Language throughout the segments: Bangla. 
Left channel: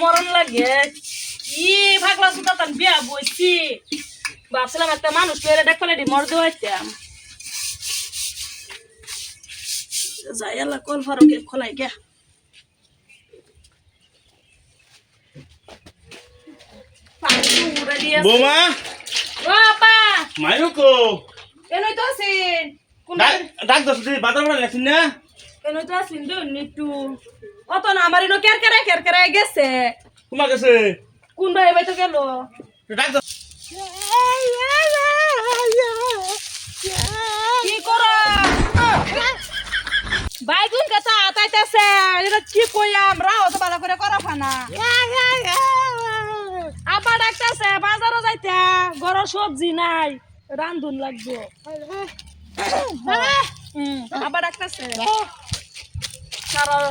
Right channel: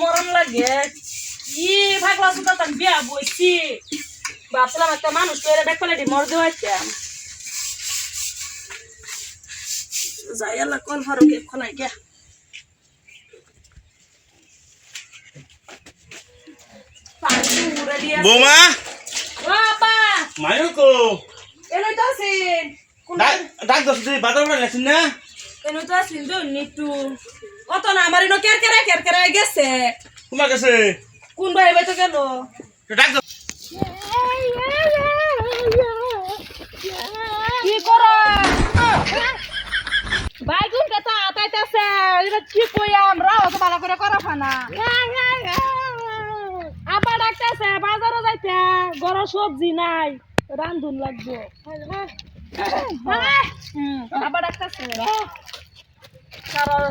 মরণ লাগে কি ভাগলা সুতা তান বিয়া বইছি ভাবছিলাম একটা মানুষ লইরে দেখলে মর দেওয়াইতাম যাই আল্লাহ কল ফারুকে খোলাই গিয়া বৌমা ও আপা মায়ুকো এনই তো আছেন ডাক দছ তুই বাজার করে গেছিস না এনই তো আছেন তো নিটু অত না আমার এনো কেরকেরা গেছে তোমার কাছে কোন ভাই ভাই তো গেল ডাক দছ কি করো বাইগুন কথা তাইতেছে এটা কি কই আমরা অত ভালো করে করা ফানা আবার ডাকতেছে বাজারও যাইতে ঘর সবজি নাই রান্ধুন লাগবে আবার ডাকতেছে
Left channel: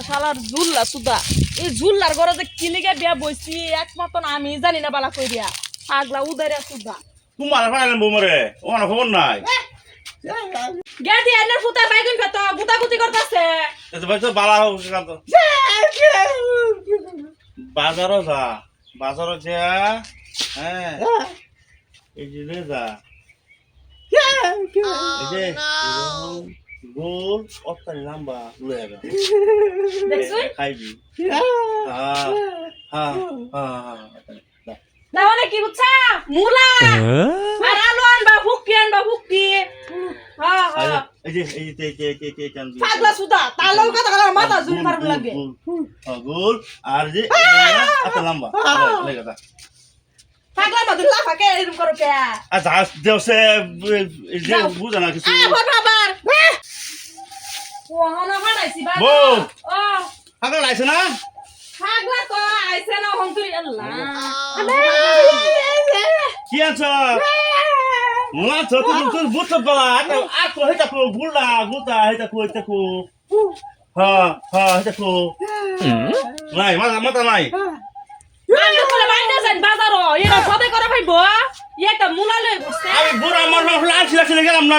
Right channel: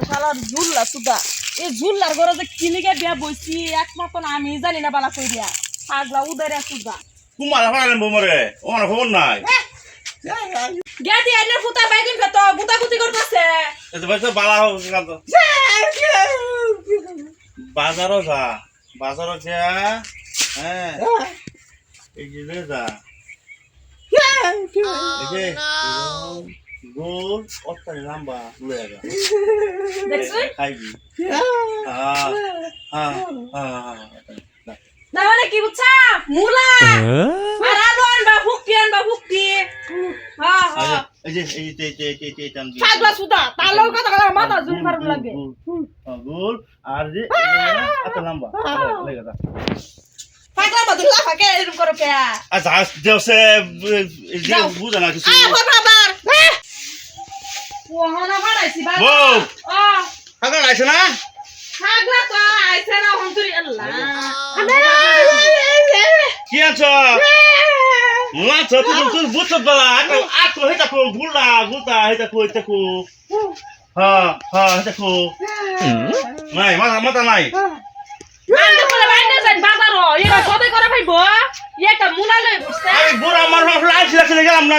সারা ঝুল্লা সুদা এই ঝুল্লার ঘরে যে কিলিগে বিয়া বইছি একমাত্র আমি জানি না বালা কইরা পাগলা উদারে সুদা তোমার ফাড়ালেন বৌমারে ওর খবর নাই গেদি এনে ফুটা বাইগুন খেত গুতাগুতি করতেছে এত ভাই তো বালা হচ্ছে না তো বাজারও যা বাজারও যা হ্যাঁ এই যে যা এই যে গোল অত্যারি লম্বা লয়ে যা দেখছিস খাইবি হ্যাঁ হ্যাঁ হ্যাঁ না মানে কি বুঝছা মুলা আর আলু আনবা ফুকি হ্যাঁ হ্যাঁ এই যে এই টান দিয়ে পাগলা সুদা তালাও কথা কথা মাথা জুল ফারুম লাগে গোল আর যে এত লম্বা লেগে যা পাগলা মত লাফাকে এরকম করো কে আচ্ছা দেওসে যে বুঝা না কিছু বাবার ও হনা ফাড়াইছি বাবা বউ ও পাগল আইছে না পাগলা তো আইছে না হন্তুরি আল্লাহ কি আছো মুলা তো তুই বুঝছ বলা আকো হেটা কো গুলা গুতা হেটা কো হ্যাঁ হ্যাঁ হেটা কো নাই মাথা নাই বান্দে বলে বাইন্দে যাই বাজারও এরা কবে করে ভাইবো একটা মুলা লই বসছে আমি বুড়া আমার লাইছ লাগছে গেলাম না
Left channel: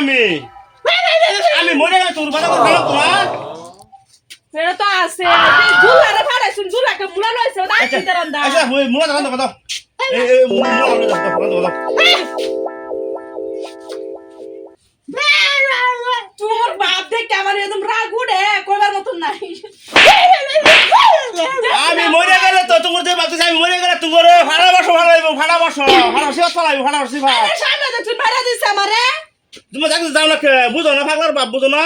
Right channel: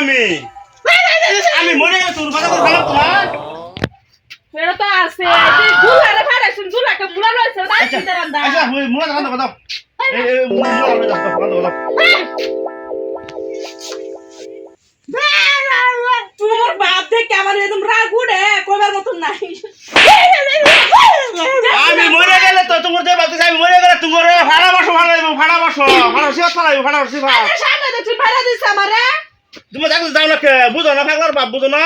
আমি মরে গেল তোর বাবা গেলাম তোমার এরা তো আছে জুলারে ফাড়াইছুন জুলাকে মুলা লইছে না চিন্তা রান্দা আচ্ছা ওই মুলা কথা এই মুলা কথা তোমার বাপ দেখে আমার একদম রাগ উঠে কইবার মতন নাই আমি মরে গেলে তো তোমার যে বাপ আমি মরে গেলে তোমার ভাড়া বসো সিফাত পালাইবো ভাড়া সিফাত আরে সামনে যে তুই ভাড়া দিছ আমারে তুমি দেখো যাও না কে বুঝো না ফাগলার বাপ বুঝো না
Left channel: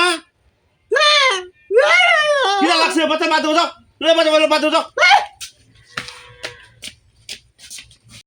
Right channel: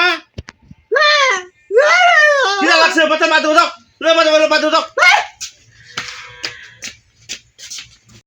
কি লাগছে বাচ্চা বাদ দাও লে বাদ দাও